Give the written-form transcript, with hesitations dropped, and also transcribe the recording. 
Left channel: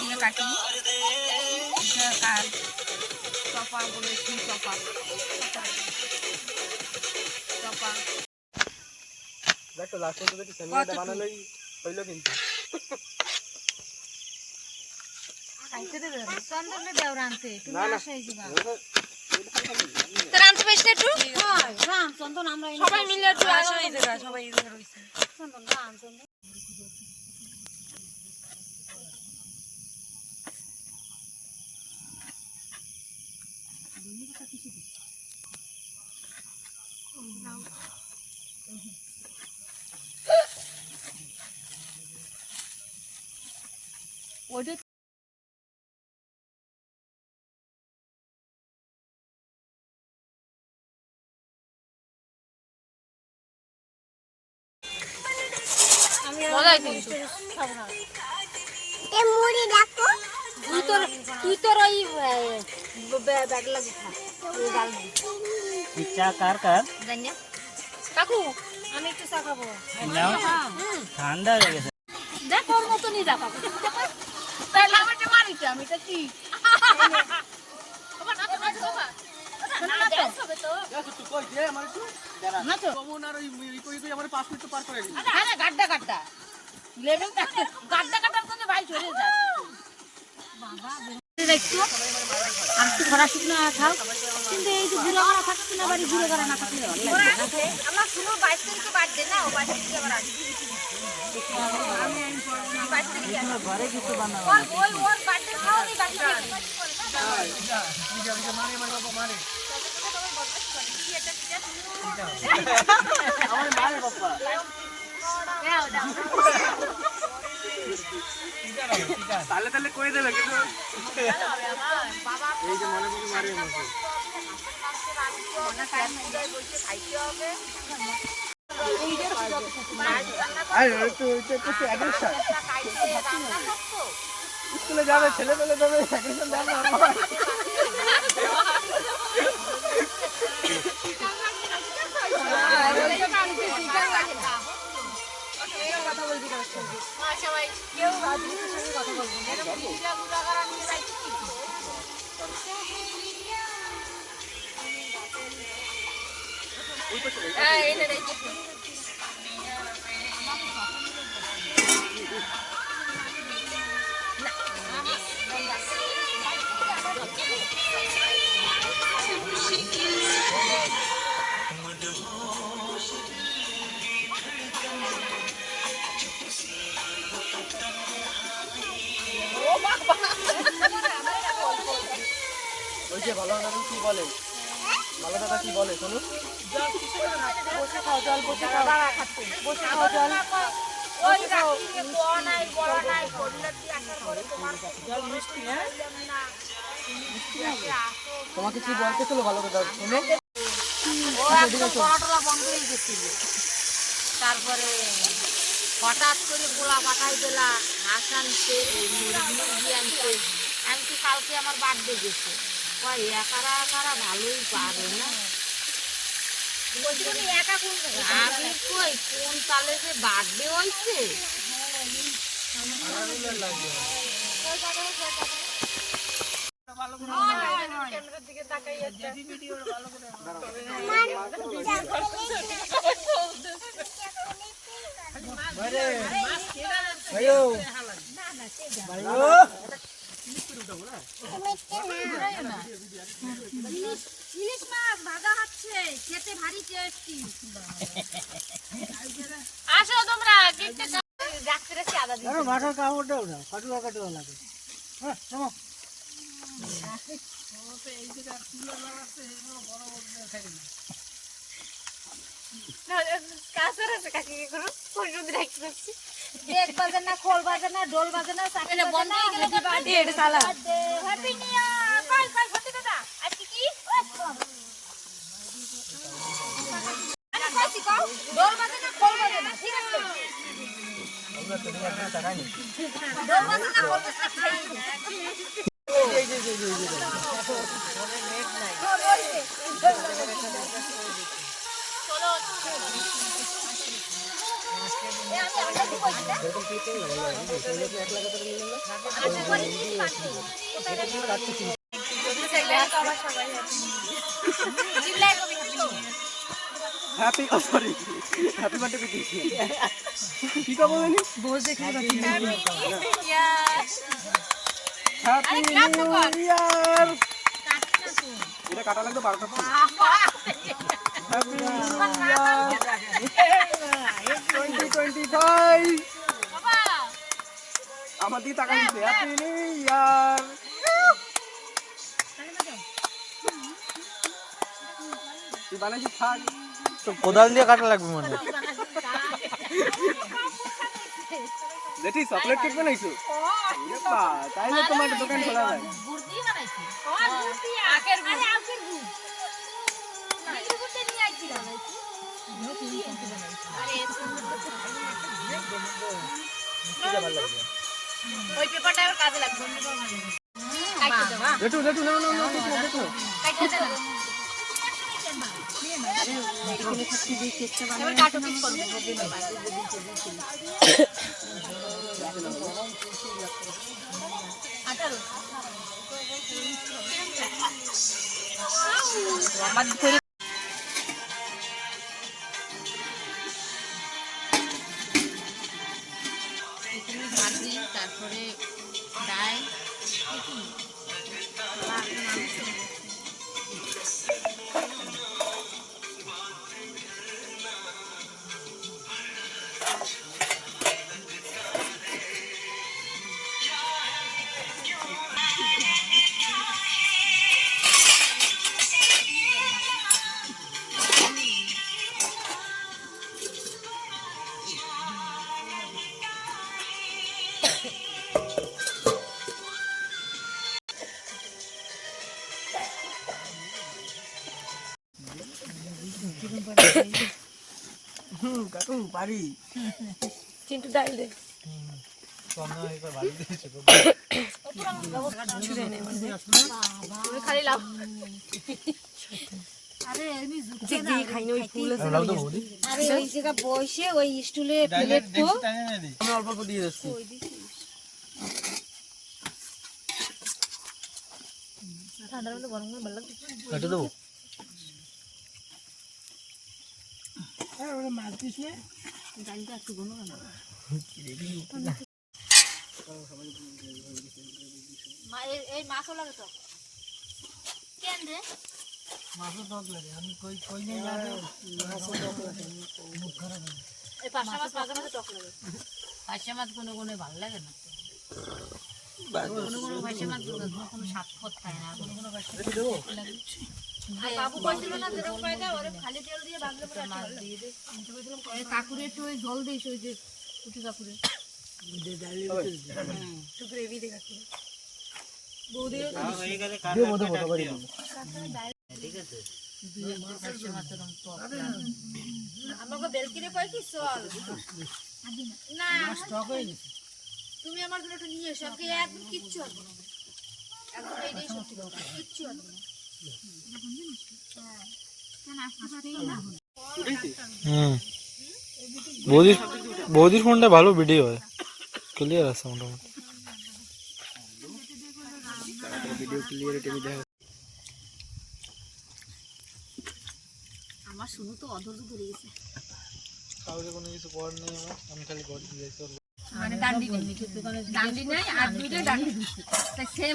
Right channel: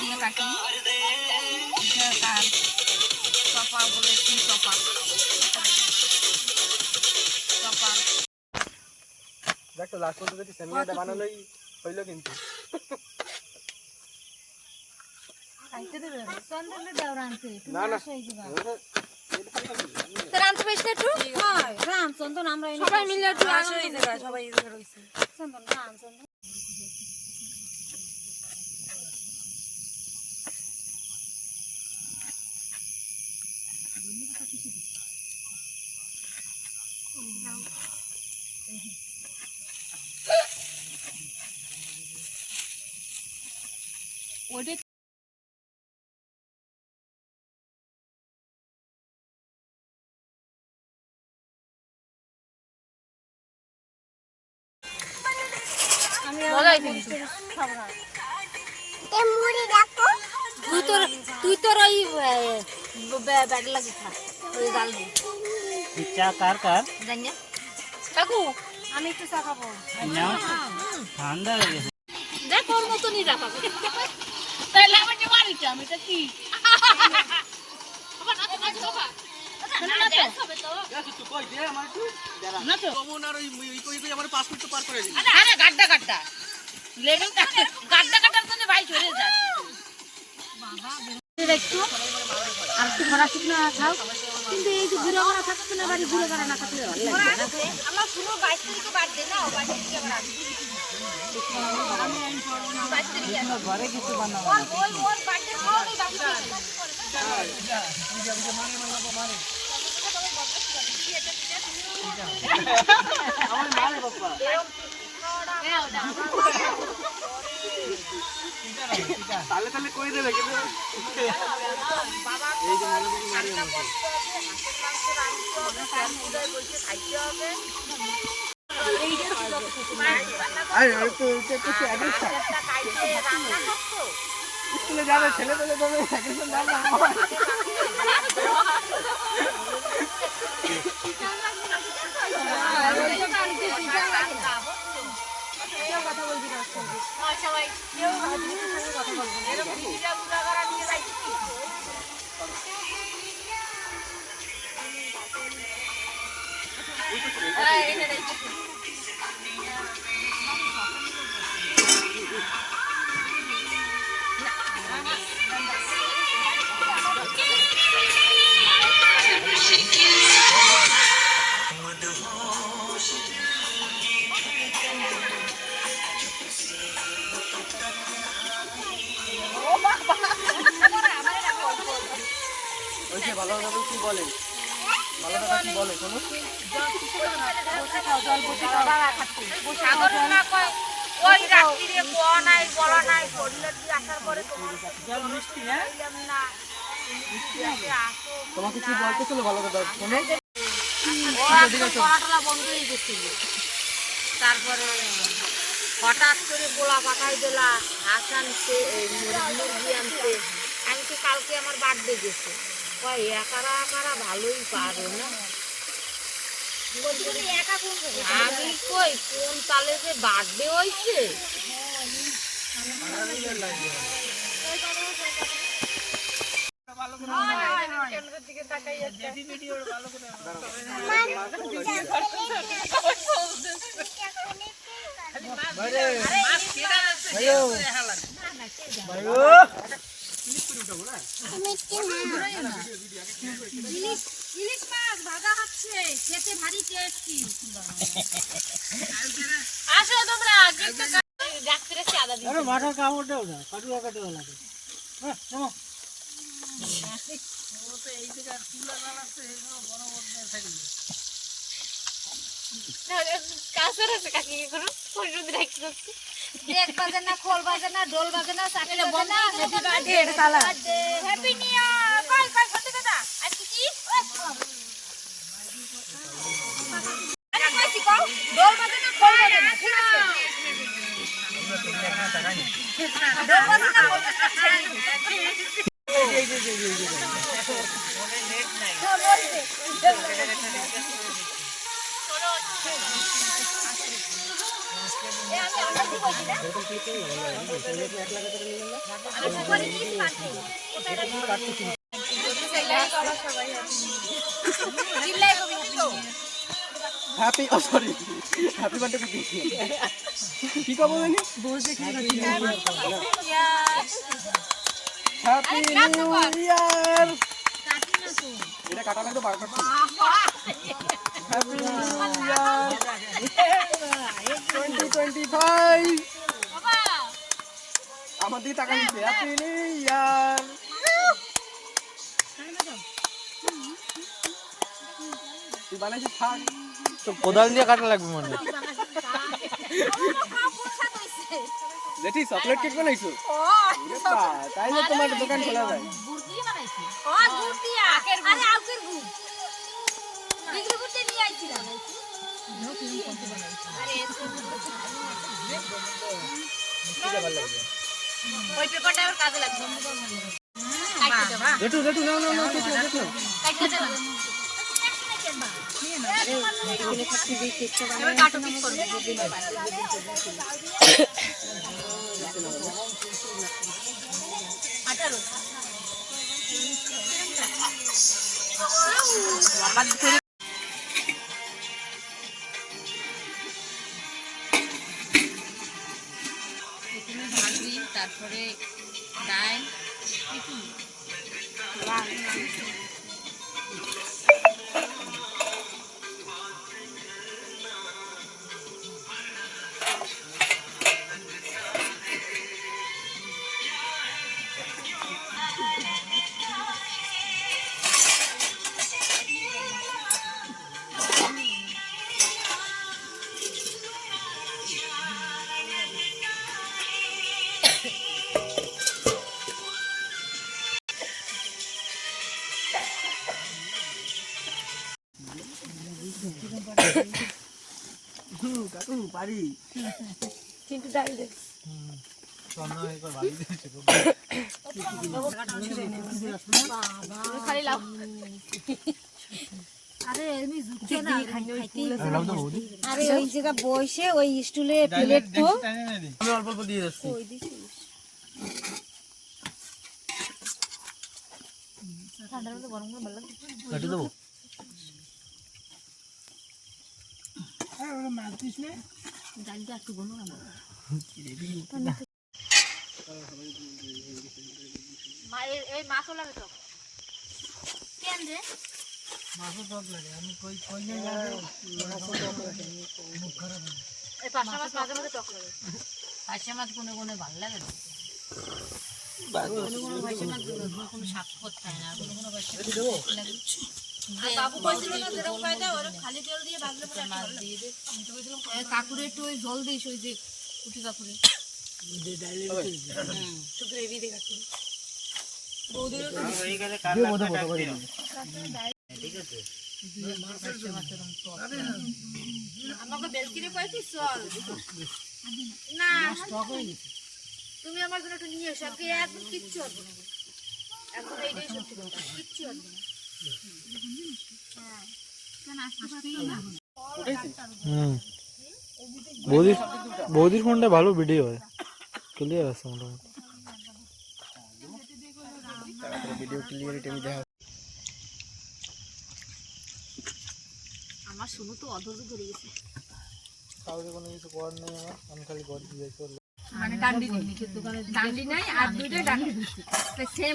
দিয়ে কাটি চপা বলে কি চপা চপা দেখো লাস্ট পর্যন্ত যদি সেমিনারটা বানালোই হইলো কিন্তু খাইতে দেবে চন্দনে দেওরা আনতে তুমি আসে এই দিবা রামচন্দ্র বেশটা একটু রামচন্দ্র আমরা সবাই মিলে একটু আসে এই জায়গা সবাই এই জায়গা রইছে চন্দন রামচন্দ্র ওইটা তুই তোর ওই ব্যাগ লাগি খা ওই ডাল চা কার কার জানি কাকু আমি একটু চা খাবো নাও ঠান্ডা হয়ে গেছে যা তোর মতনই রাখা তাহলে আমি যে মারিটা আমি এটা কি তুই কই দে আমার একটু না তো আর ওই কই কই আমার 5 মিনিট তো পার করে দিই আরে গাড্ডা গাড্ডা লেভেল গাড্ডা গাড্ডার জন্য ভাই চলে যায় বাবা দেখছো আর একটু খরা শুকনো খাও কিন্তু এই যে ঘুরে করা থাকছে না বাড়ি ঘুরে করা না থাকলে আমার শুনো 22 তারিখে বার্থডে না 22 তারিখে আবার আসবে 22 তারিখে ঘরে কিছু বানাবো ওর বার্থডে খাও নেই বাকি থেকে মারে আমার মারে বাবা তাহলে তাহলে কই দেবে কিন্তু এই যে মনে বুঝি মারি আমাকে আরে তো এটা তো অ্যাগ্রেশন স্কুলে যাবে ছেলে পেলে তবে অ্যাগ্রেশন দাও না সবাই কেউ রাজনীতির সঙ্গে কথা বলবো না এরকম পূজা পূজা করা নিয়ে যাচ্ছি এনে রাখছি ওই যে ভালো ভালো কি বলে ভালো কথা কি বলে শোনো বসে খাও জল বসে খাও বসে খাও জল ওই রাত্রি রে কোয়া নাই বলা নাই শরীর দিয়ে আসার পরে জল মিষ্টি হ্যাঁ তোমাকে কি বলতেছিল ভালো কথা শোনো পড়াটা বন্ধ হয়ে গেছিল তারপরে হঠাৎ করে গোলা পাঠাই দিলা হাঁস আনতে মুরগি আনতে আমি তো কালকে আমার বার্থডে গেছে ভাই একারা একারা ভালোই পারে না আমি কই কোন তালে যে বার্থডে হয়েছে ইলিশ মাছ ভাজা হচ্ছে খেতে ভারী টেস্টি আসো তোমরা ডাক্তার এসে আদা দিই আরে মাথা কামড় দাও না কাটুয়া কাটুয়া লাগে হ্যাঁ থামো কাছের এসে কাকি করো পরিণতি রাখতে যাচ্ছি এক বাজে না খোল বাজে না ঢোল বাজে না চাটি বাজে না happy birthday happy new year কই কই সত্যি কথা আজকে কি ঢোল বাজে না খোল বাজে না ঠিক আছে শোনো happy sorry happy birthday to কি কবে বলি হ্যাপি নিউ ইয়ার এটা কাটা লাগবে 12টা হ্যাপি নিউ ইয়ার 2025 আমার দিকে তাকাই দিছে হ্যাপি নিউ ইয়ার তুই বানাইছিস থাক তো কোদাল দিয়ে কাটা লাগবে মনে যেটি চকলেট কেক বানাইছো তাইলে তোমার দোকান খোলা যায় ওই পেপারটা আর কাজে লাগবে যেটু যেটু নাও নাও নাও যেটু যেটু এবার কাটো পিস করব তারপরে ডাল কাকু পারি চিন্টু ডাল দে খালি লাভ আরে এমনি ঝুঁকে না খাইনি ওই ফুল আরে ওই যেটা বসে ওই স্টুলে প্লেট তো আমি অল্প অল্প দিয়ে যাচ্ছি ঠান্ডার মধ্যে গরম করে ভালো লাগছে কেটে দেবো মাছ দিস না ডালটা একটু গরম না এই মাছ হলো তো কেন রে মাছও টক লাগে আমি কই কই না যাবে মুখ খারাপ এই পাঁচটা মাছ মাঝে মাঝে টক লাগে পাঁচটা মাছ কোনো কোনো ভালো লাগে না কোনো কোনো পাঁচটা মাছ কোনো স্বাদ করতে হয় না কোনো কোনো পাঁচটা লাগে বাবু বলছিল না যেরকম পাইতে ওরে খালি তেল দিয়ে ভাজলে পরে মাছ দিয়ে দে কাকুরে একটু ওই জল দিস ওই যে কুটি কাকুরে একটু গ্রেভি দিয়ে কাকুরে বৌদিরও দিয়ে মতো বসে পারি আমাকে বেলকিরে পাইছি চল না স্টক হয়ে গেছে তুমি আমার জন্য একটু নিয়ে এসো আজকে একদম কিচ্ছু হবে না এখন এইটাই সত্যি কথা কিচ্ছু হবে না বৌদির ফোনটা ভালো ভিডিও হয় ক্লিয়ার আছে মোটামুটি ভিডিও ক্লিয়ারিটি আমি দেখা আমার শুরু তো অধৈর্য ধরে গেছে কাউকে কোনো কিছু করার নেই আমার আমি খালি ঘর দিয়ে মানে ডান্ডি নেই ডান্ডি নাই আর দুইটাই ডান্ডি সেম